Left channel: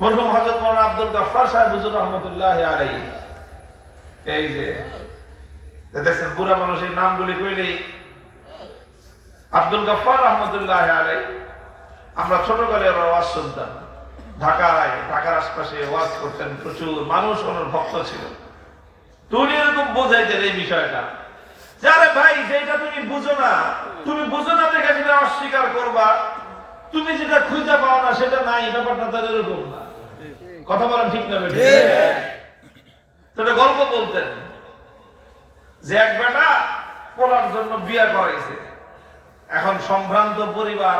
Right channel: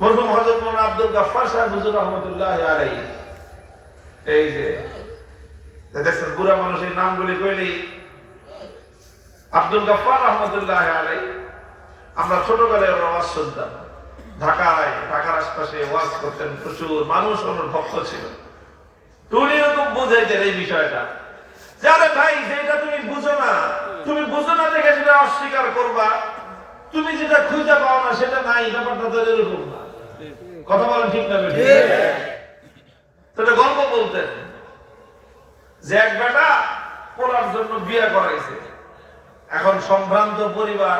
মরহুম হযরত মাওলানা আব্দুল গফফার সাহেব হুজুর রহমাতুল্লাহি আলাইহি, এই যে দেখছেন বুড়া মানুষের নামগুলি কইলেই আব্দুল গফফার রহমাতুল্লাহি আলাইহি, আমরা ছোটকালে ওয়াজ শুনতাম, ঢাকার আশপাশে ওয়াজ করতেন, প্রচুর মানুষ ওনার ভক্ত ছিল। উনি এরকম বোঝাইতেন এই বিষয়টা, যে আরে ভাই যেটা তুমি বুঝো না দেখে সেটা অস্বীকার করবা, তুমি যেটা খুঁজে পাও না সেটা নাই, ব্যাপারটা তো এরকম না। কথা বলেন ঠিক না বেঠিক? সেটা গল্প বলতেন যে এক বেটা পড়ার জন্য বিয়ে করাইছে, এখন সম্ভ্রান্ত পরিবার,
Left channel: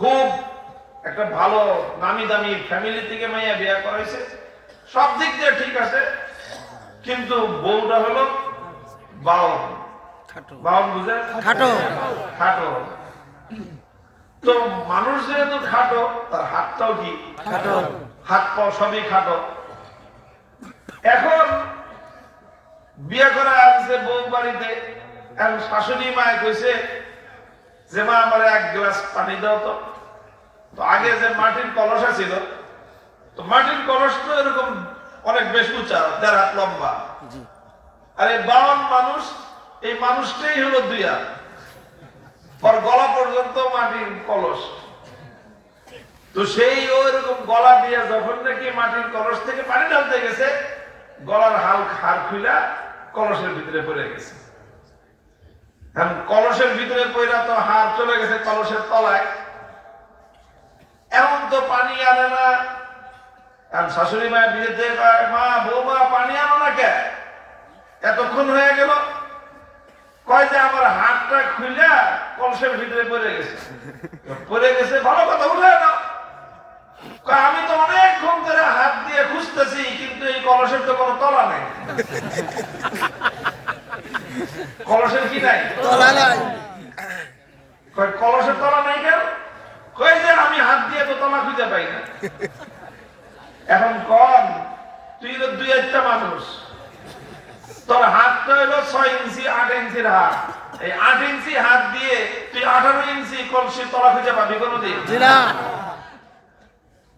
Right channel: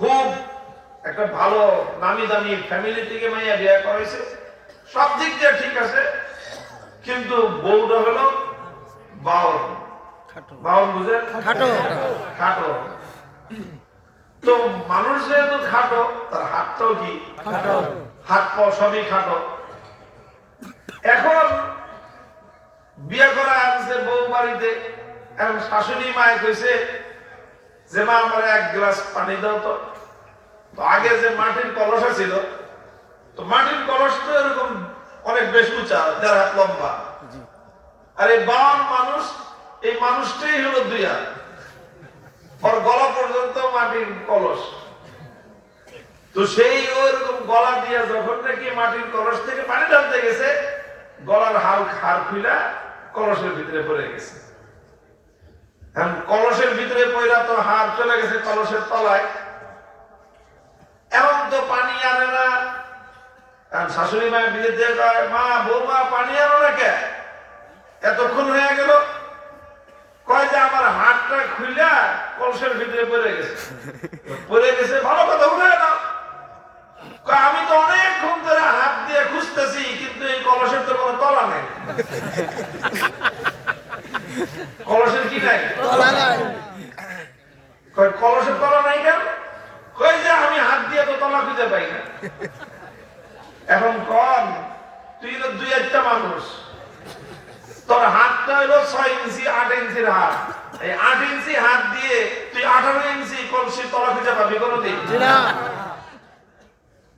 খুব একটা ভালো নামি দামি ফ্যামিলি থেকে মাইয়া বিয়ে করাইছে, সব দিক দিয়ে ঠিক আছে, কিন্তু বউটা হলো বাউল। বাউল বুঝে? খাটো। তো মানুষ যেহেতু খাটো, তার হাতটাও কি হাত পাও সবই খাটো। এখন বিয়ে করা আছে বউ বাড়িতে, এখন শাশুড়ি মায়ে কইছে যে মা আমার এক গ্লাস পানি দাও তো। আগে যে মাটির কলস ছিল, তো মাটির কলস তো এরকম অনেক বেশ উঁচা, 1.5 হাত লম্বা, আর এই বাউন মানুষ, এই মানুষটাই হলো 2 হাত, ওর গলা পর্যন্ত মাটির কলস। তো সেই ওইরকম গলা দিয়ে যখন নাকি মাটির কলস থেকে পানি ঢালতে গেছে, গলার হাড় খুইলা কলসের ভিতরে পড়ে গেছে। কলসের ভিতরে পড়া তো হাড় চলে গেছে কলসের তলায়, এখন তো পানি আনে না। শাশুড়ি মায়ের বিয়েতে মা বৌমা পানি আনো না কে, এতক্ষণ হয়ে গেল। কয় যে আমার হাতটা খুইলা কলসের ভিতরে পড়ে গেছে। ভালো কথা, উঠে না। আমি তো অনেকক্ষণ ধরে হাত দিয়ে খুঁজতেছি, কিন্তু এই কলসের তো কোনো তলা নাই। কলসের কি নাই? কলসের তলা নাই কেন? কয় যে আমি হাত দিয়ে তো তলা খুঁজে পাই না। এখন কম, তুই তো 2-1টা মানুষ, তোর হাতটা হলো 6 ইঞ্চি 8 ইঞ্চির হাত, এই 8 ইঞ্চি হাত দিয়ে তুই 18 ইঞ্চি কলসির তলা খুঁজে পাবি কোনদিন?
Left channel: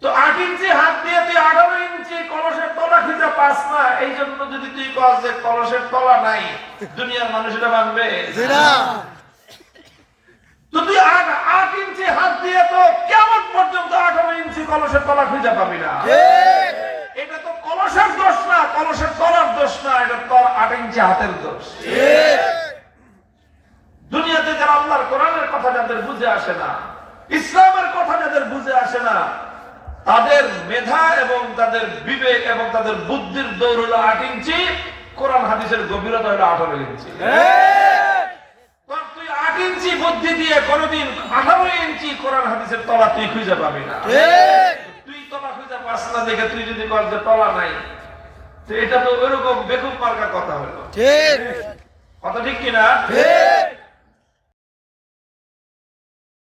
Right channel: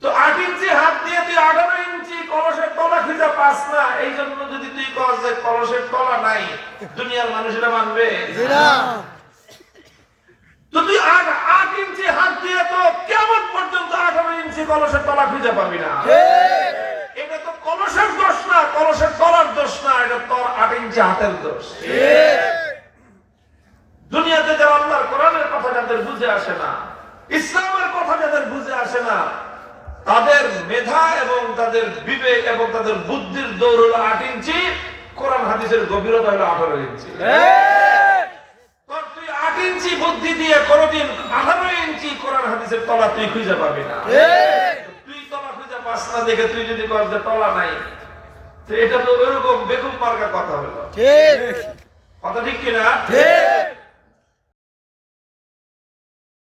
তো 8 ইঞ্চি হাত দিয়ে তুই 18 ইঞ্চি কলসের তলা খুঁজে পাস না, এই জন্য যদি তুই কস যে কলসের তলা নাই, দুনিয়ার মানুষ এটা মানবে? তো তুই 8 ইঞ্চি হাত দিয়ে তো কিয়ামত পর্যন্ত 18 ইঞ্চি কলসের তলা খুঁজে পাবি না। এটা তো কলসের দোষ না, কলসের তলার দোষ না, এটা তোর 8 ইঞ্চি হাতের দোষ। দুনিয়াতে যারা আল্লাহর কোরআনের কথা যাদের বুঝে আসে না, ইসলামের কথা যাদের বুঝে আসে না, তাদের মেধা এবং তাদের বিবেক এবং তাদের বুদ্ধির দৌড় হলো 8 ইঞ্চি, কোরআন হাদিসের গভীরতা হলো 18 ইঞ্চি। তুই 8 ইঞ্চি বুদ্ধি দিয়ে কোনদিন 18 ইঞ্চি কোরআন হাদিসের তলা তুই খুঁজে পাবি না। তুই তলা খুঁজে পাস না দেখে তুই যদি কস যে তলা নাই, তো এটা তো এরকম বেকুব মার্কা কথা হলো। কথা ঠিক কিনা?